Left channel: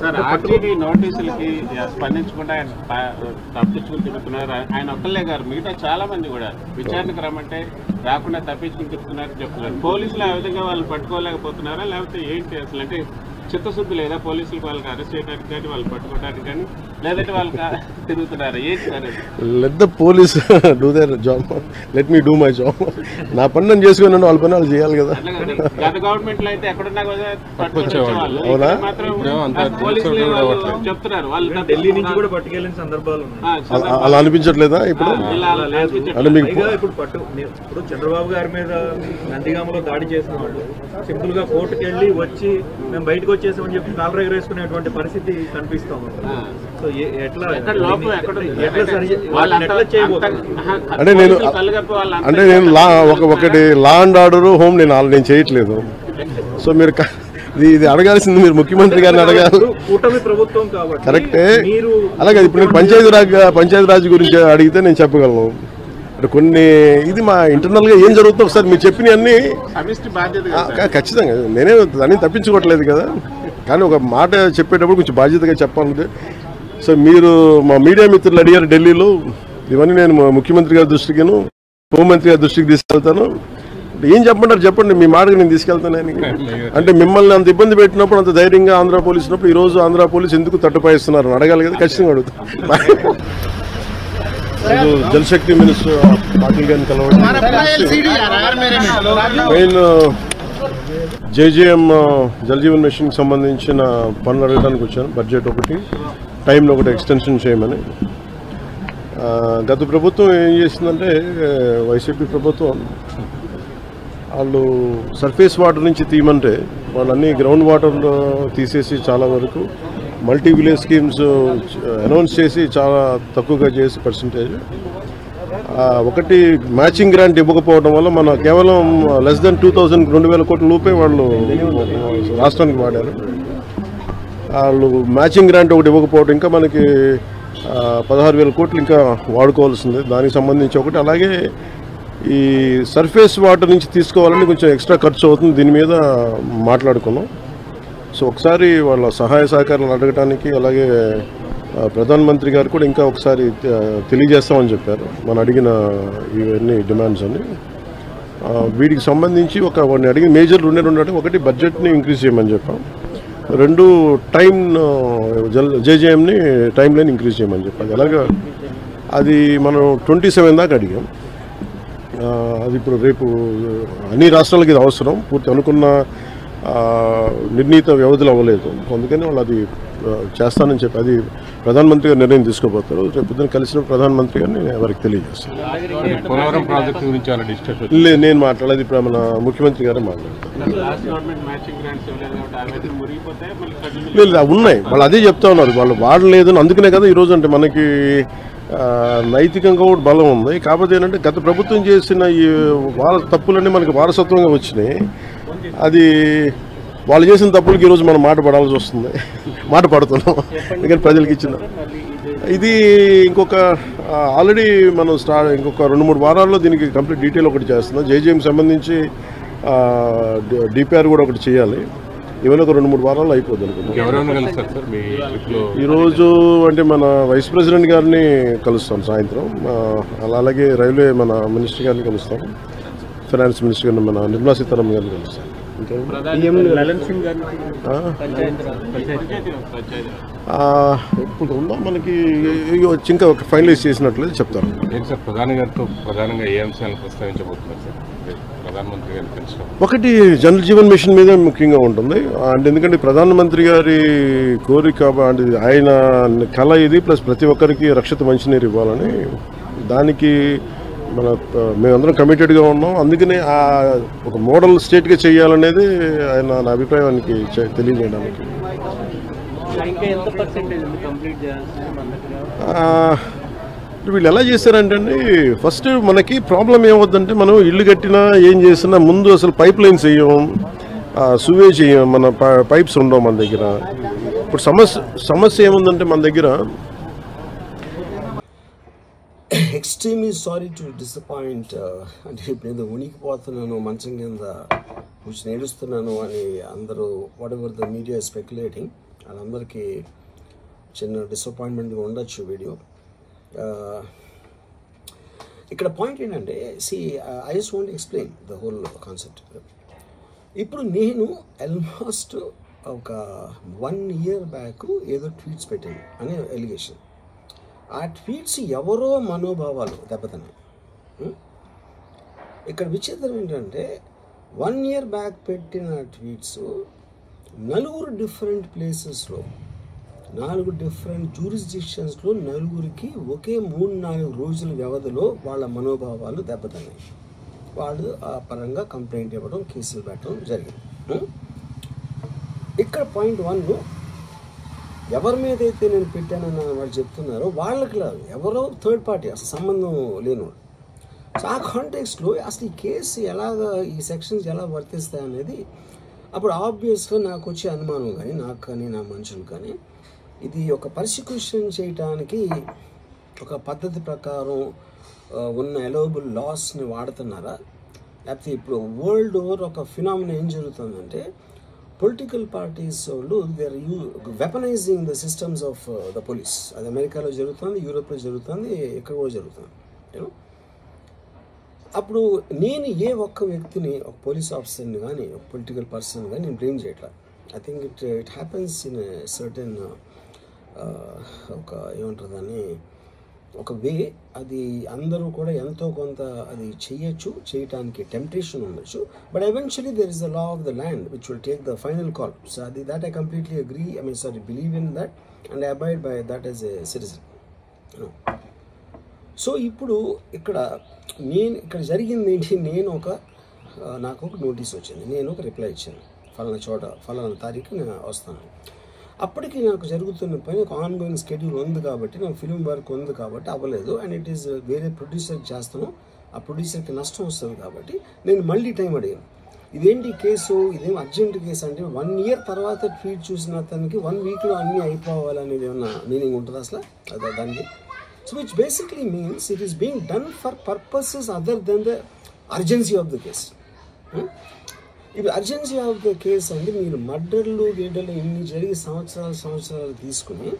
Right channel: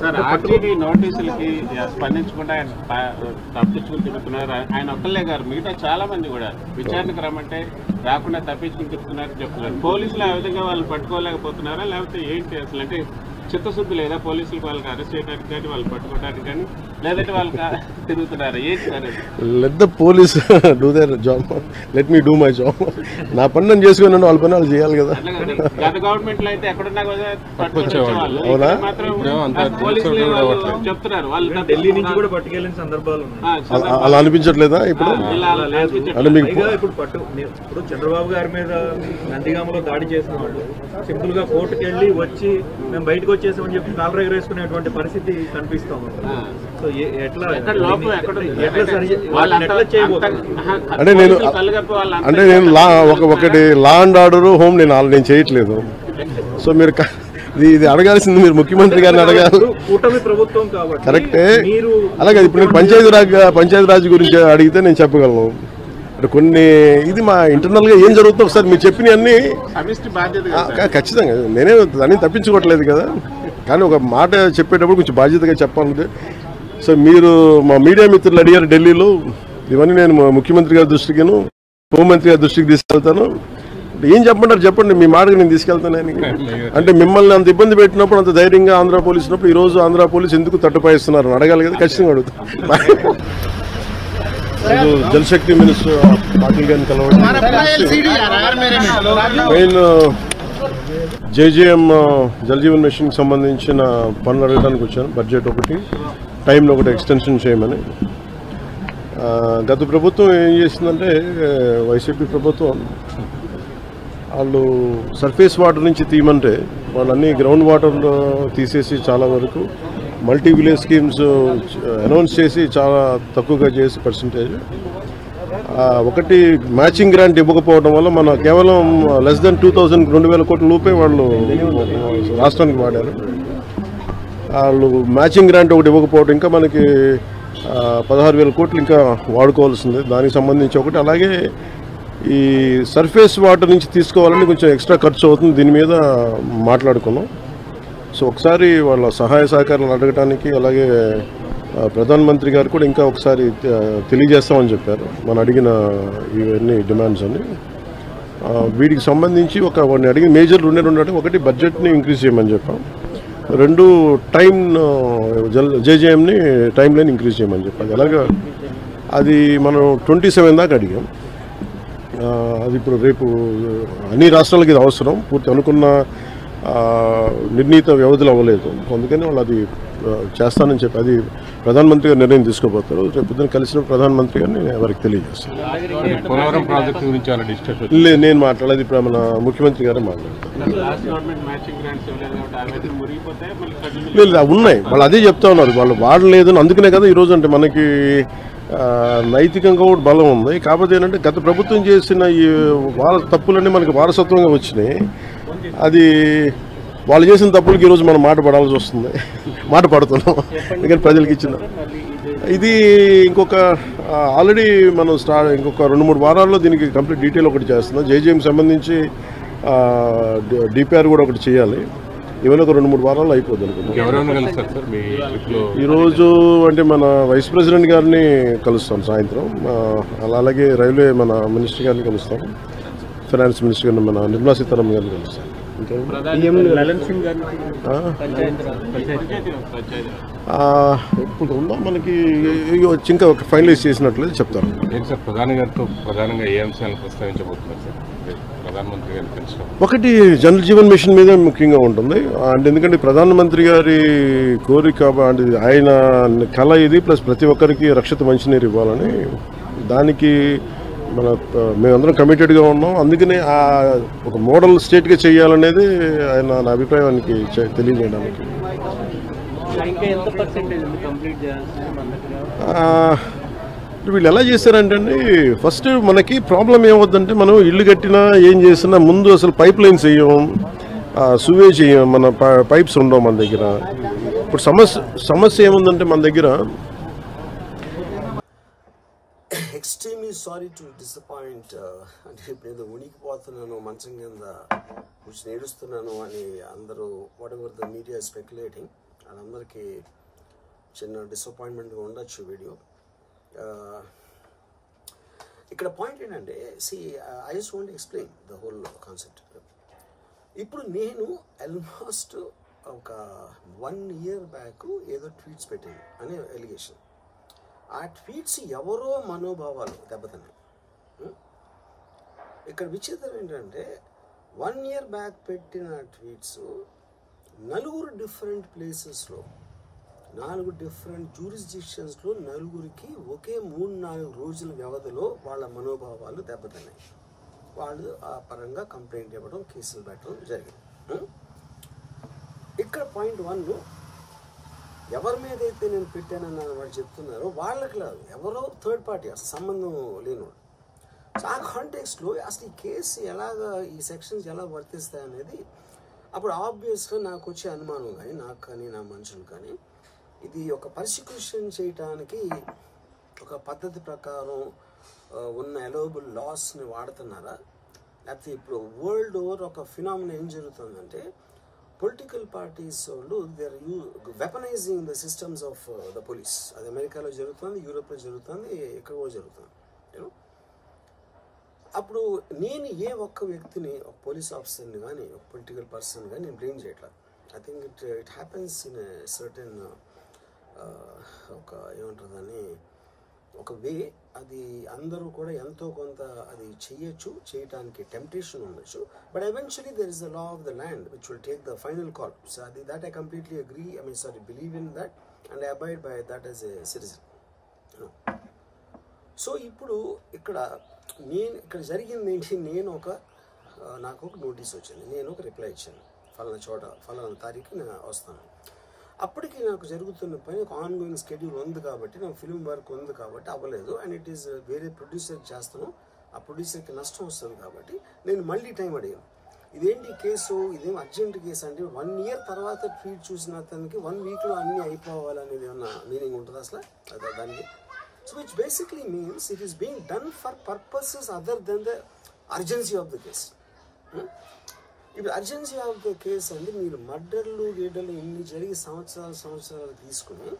Sir RTD నోటీసులకి స్పందించకుండా ఆయన తప్పించుకుని తిరుగుతున్నారు. ఆయన ఒక్కళ్ళే గారు, మిగతా చాలా మంది కూడా విచారణకు రమ్మంటే రాకుండా తప్పించుకుని తిరుగుతున్నారని చెప్తున్నారు. పోలీసులు ఆ విధంగా వాళ్ళు పట్టుకోలేకపోతున్నారా, లేకపోతే ఏంటి అసలు? అంటే చిత్తశుద్ధి లేదా పోలీసులకు వాళ్ళకి అరెస్ట్ చేయడానికి కానీ వాళ్ళు పట్టుకోవడానికి కానీ, లేదంటే వాళ్ళు తిరుగుతున్నారా? ఏంటి sir? Let the police do their job, let me do my job. నా పని నేను చేసుకున్నాను, వాళ్ళ పని వాళ్ళు చేయాలి కదా. గత గవర్నమెంట్ లో అయితే ఎక్కడున్నా అవునా? చెప్తున్నారు వాళ్ళు ఢిల్లీ నుంచి కూడా పట్టుకెళ్ళిన సందర్భాలు అలా అనిపించట్లేదా ఇప్పుడు? అంటే మీకు ఇప్పుడు చంద్రబాబు గారి మీద నందిగామలో దాడి చేసిన వాళ్ళు సింపుల్ గా కోర్టుకు వెళ్ళి వచ్చి మేము బయటకు వచ్చేసామని చెప్పి కాలర్ ఎగరేసుకునేటువంటి పరిస్థితి కనిపిస్తా ఉంది. సో ఎట్లా అంటే నేను ఒకటి లా అండ్ ఆర్డర్ హోమ్ నేను చేయట్లేదు. సో మీరు ఇది అడగాల్సింది మీరు ముఖ్యమంత్రి గారిని అడగాలి. కూటమి ప్రభుత్వం కాబట్టి కరెక్టే. అలాగే ఇప్పుడు నేను పంచాయతీరాజ్ గురించి అడిగితే నేను చెప్పగలను. కొన్ని ఇది మా ఇంటర్నల్ గా ఏం జరుగుతుందో ఒకసారి మీరు చెప్పినవన్నీ ఖచ్చితంగా నేనే దాన్ని తప్పించుకోవట్లేదు కదా. కానీ ఒక మాట చెప్పేటప్పుడు కొంచెం బాధ్యతగా చెప్పాలంటే, సో మీరు మా మీడియా మిత్రులు అడిగారు ఢిల్లీలో, ఇవన్నీ నేను ముఖ్యమంత్రి గారి దృష్టికిను హోంమంత్రి గారి దృష్టికి తీసుకెళ్తాను. ఏం చెప్పంటారు చెప్పండి, మీ మాటకు నేను తీసుకెళ్తానని. అంటే మిమ్మల్ని అంత ఇబ్బంది పెట్టినప్పుడు, అంత ధైర్యంగా ఆంధ్ర పోలీసు ఉన్నప్పుడు ఈరోజు ఆంధ్ర పోలీసు ఎందుకు తట్టుపాయిస్తున్నారు అడగాలి కదా. ఖచ్చితంగా అడుగుతాను. జలశక్తి మినిస్టర్ పాటిల్ గారిని కలవడం, మెయిన్ జేజేఎం జలజీవన్ మిషన్కి సంబంధించిన పనులు అడగడానికి వచ్చాను. బడ్జెట్ ఒకటి, టైంలో ఒకటి ఎక్స్టెన్షన్ చేయమని. గత ప్రభుత్వం ఏం చేసిందంటే, వైసీపీ ప్రభుత్వం వాళ్ళు సర్ఫేస్ వాటర్ నుంచి తీయమంటే వాళ్ళన్నీ గ్రౌండ్ వాటర్ తీసేసి చాలా వరకు మల్టీ విలేజ్ స్కీమ్స్ అనౌన్స్ చేసి చాలా తక్కువగా చేసి పర్సంటేజ్. ఒకటి మ్యాచింగ్ గ్రాంట్ ఇవ్వకపోవడం వల్ల మన కేవలం లెస్ దెన్ 2,000 కోట్ల రూపాయలు వాళ్ళు రాష్ట్రానికి వాడారు. వాళ్ళు మ్యాచింగ్ గ్రాంట్ ఒకటి ఇవ్వకపోవడం, ఇంకా మనకి 16,000 కోట్లు ఇంకా వాడుకోవాల్సింది. దానికి సంబంధించి ఒకటి. అలాగే ఈ సర్ఫేస్ వాటర్ నుంచి తీసుకోవాలని కొంచెం ఎక్స్ట్రా ఖర్చు అవుతుంది, దీని మీద మాట్లాడుకున్నాం. సో ఒకసారి వాళ్ళ సహాయ సహకారాలు అడగటానికి, అలాగే ప్రధానమంత్రి గారు కూడా ఇంకా ఒకసారి తెలియజేస్తామని చెప్పారు మనం అడిగిన ఇవన్నీ డిమాండ్స్ అని. వీటికి సంబంధించి వాడిని అడిగిన మేజర్ రెండు అంటే, ఒకటి బడ్జెట్ని ఇంక్రీజ్ చేయమని చెప్పాం, రెండు టైం జేజేఎంని టైం లైన్ ఇంక్రీజ్ చేయమని చెప్పాలి. అలాగా అది మనం 27 దాకా అడిగాం. అది ఇప్పుడు రేపు అన్ని రాష్ట్రాలకి ఇది అవసరం, పూర్తి అనుకున్న నిర్ణీత వ్యవధిలో అవ్వలేదు. అందుకని వాళ్ళు అది చేస్తానని చెప్పి అది ప్రధానమంత్రి గారు నిర్ణయం తీసుకోబోతారు. రేపు పొద్దున కలిసిన ప్రధానమంత్రి గారిని వారికి తెలియజేస్తాను. లేదు, నేను మాట్లాడేది ఇప్పుడు మన ముఖ్యమంత్రి గారే మాట్లాడతారు. లేదు, ఉన్నాయి, వాళ్ళు అదే చెప్తా ఉన్నారు, వాళ్ళు వాడలేదు. అందుకనే కదా ఈరోజు అంటే మనకి నైతికంగా కూడా బలం ఉంది. కాకపోతే ఏంటంటే గత ప్రభుత్వం చేసిన ఈ తప్పులన్నీ మనకి వారసత్వంగా వచ్చినాయి. అది వాళ్ళు చేసిన తప్పులకి ఈరోజు మనం మాట పడాల్సి వస్తుంది, మాట పడుతున్నాం. ఎందుకంటే ప్రజలకు ఇచ్చిన ఇది ఇంకొక ఆల్రెడీ మనం ఇంకొక 2-3 వారాల్లో దీనికి కంప్లీట్ డీటెయిల్ ఒకటి చేస్తున్నాం. జేజేఎంకి సంబంధించి డిపిఆర్ కూడా ఒకటి చేయాలి. ఇవన్నీ ఒక 2-3 వారాల్లో అయిపోద్ది అనుకుంటున్నాం. ఈరోజు అంటే మన వైస్ ప్రెసిడెంట్ గారిని కలుస్తాం సాయంత్రం. అలాగే రైల్వే మన మినిస్టర్ గారిని కలుస్తాం, ఫైనాన్స్ మినిస్టర్ గారిని మన నిర్మలా సీతారామన్ గారిని కలుస్తాం. ఇప్పుడు ఉందా మనకి ఇంకా ఫైనలైజ్ చేసినట్లేదు చెప్తారు. ప్రధాని గారితో ప్రధానంగా ఏ అంశాలను ప్రస్తావించబోతున్నారు సార్? ప్రధానమంత్రి గారిని కలిసి ఒకటి జల్ జీవన్ మిషన్ మీద ముఖ్యంగా ఉంటుంది. అంటే ఎందుకంటే ప్రధానమంత్రి గారి కోరిక, అంటే ఆయన కళ ఇది, ప్లస్ ప్రతి ఒక్కరికి రక్షిత మంచినీరు ఇవ్వాలని, దానికి మేమందరం కమిటెడ్గా ఉన్నాం. అందుకనే ఒక మోడల్ స్టేట్గా చేయాలనేది ఆయన నా అభిప్రాయానికి తెలియజేయడానికి. వీళ్ళు ఎలా చేశారంటే అండి, ఫస్ట్ మనకి ప్రాబ్లం ఏమవుద్దంటే, మనం ఇల్లు కట్టినా ఏం చేసినా ముందు అసలు పైప్ లైన్స్ వేయం, సువేజ్ చేయం, మన పైప్స్ ఉండవు మన దగ్గర. ఇప్పుడు సమస్య ఏముందంటే మన దగ్గర extremely sorry to disappoint అంటే ఇప్పుడు ఉనికిపోతున్నాను మంచం కింద కూర్చొని ఏడుస్తున్నాను అని అందరూ what ever the media speculating. వాళ్ళందరికీ చిన్న డిసప్పాయింట్మెంట్గా ఉండొచ్చు వీడియో. ఇక్కడ పాయింట్ ఏంటంటే I just want explain the whole concept. ఇప్పుడు నేను ఆల్మోస్ట్ ఒక 1 year బ్యాక్ ఏదో ట్వీట్స్ పెట్టాను అనే ఎలిగేషన్. ఆ ట్వీట్స్ ఎవరో మనోభావాలు దెబ్బతిన్నాయి. ఇక్కడ విచిత్రం ఏంటంటే 1 year బ్యాక్ పెట్టిన ట్వీట్స్ 4 డిఫరెంట్ ప్లేసెస్లో 4 డిఫరెంట్ జ్యూరిస్డిక్షన్స్లో 4కి ఒకే 3-4 రోజుల వ్యవధిలో వాళ్ళ మనోభావాలు దెబ్బతిన్నాయి. వాళ్ళు ఆ పరంగా కంప్లైంట్ ఇవ్వడం, కేసులు పెట్టడం జరిగింది. ఇక్కడ పాయింట్ 1, ఎవరి మీద అయితే నేను పెట్టానని వాళ్ళు చెప్తున్నారో వాళ్ళకి లేదు, ఎవరో థర్డ్ పార్టీ, అసలు సంబంధం లేనివాడు. సో ఆ కాంటెక్స్ట్లో అసలు ఈ కేసు ఎలాగా, ఈ సెక్షన్స్ ఎలా వర్తిస్తాయి అనేది అప్పుడు ఆబ్వియస్గా నాకు వచ్చే అనుమానం కానీ, నాకు కానీ నా మనుషులు కానీ, ఇది ఒక పర్సిక్యూషన్ చేయటానికి ఒక పద్ధతి ప్రకారం ఉన్న అలౌబుల్ లాస్ని వాడుతున్నారా, లేకపోతే ఇప్పుడు వరల్డ్ ఓవర్ ఒక ఫినామినా ఏం జరుగుతుందంటే పొలిటికల్ పార్టీస్ వాళ్ళు they are weaponising the systems of the police. అది అమెరికాలో జరుగుతుంది, యూరోప్లో జరుగుతుంది, ఇక్కడ కూడా జరుగుతుంది. అప్పుడు నేను ఏ ఒక్క వ్యక్తిని, ఒక పోలీస్ ఆఫీసర్ని కానీ, ఒక పొలిటికల్ పర్సన్ కానీ నేను బ్లేమ్ చేయట్లా. I think it happens in certain ఒక ఏమంటారు దాన్ని, ఒక వే. అది అందరూ కూడా ఎంతో కొంత అది చేయటానికి టెంప్టేషన్ ఉండొచ్చు. But eventually there is the law of the land which will take the final call. So అది that I completely agree, believe in that and I abide by that as a citizen. So ఇప్పుడు ఇక్కడ జరిగింది ఏంటి, నాకు ఒక notice వచ్చింది, నేను ఒక రిప్లై ఇచ్చాను, ఫలానా తారీఖు నేను వస్తాను. అప్పటికి నాకు జరుగుతున్న పని ఒక ఆన్గోయింగ్ స్కెడ్యూల్ ఉంది కాబట్టి, నాకు ఫిల్మ్ వర్క్ ఉంది కాబట్టి అవ్వలేదు. అండ్ ఇట్ ఈస్ వేరే ప్రొడ్యూసర్కి చేస్తాను, ఆ ప్రొడ్యూసర్కి నష్టం వస్తుంది కాబట్టి నేను మళ్ళీ టైం అడిగాను. ఇదేంటి కేసు, ఇదేం అర్జెంట్ కేసు అంటే 1 year తర్వాత ట్వీట్ చూసిన అతనికి 1 weekలో అన్నీ అయిపోవాలనేది ఏమన్నా మీనింగ్ ఉంటుంది అసలు దానికి? So which basically means it is being done for purposes other than the urgency of the case. ఇప్పుడు అర్జెన్సీ ఆఫ్ ద కేసు అంటే మీరు మర్డర్లు గేటర్లు ఇన్ని జరిగి సంవత్సరాలు తీసుకుని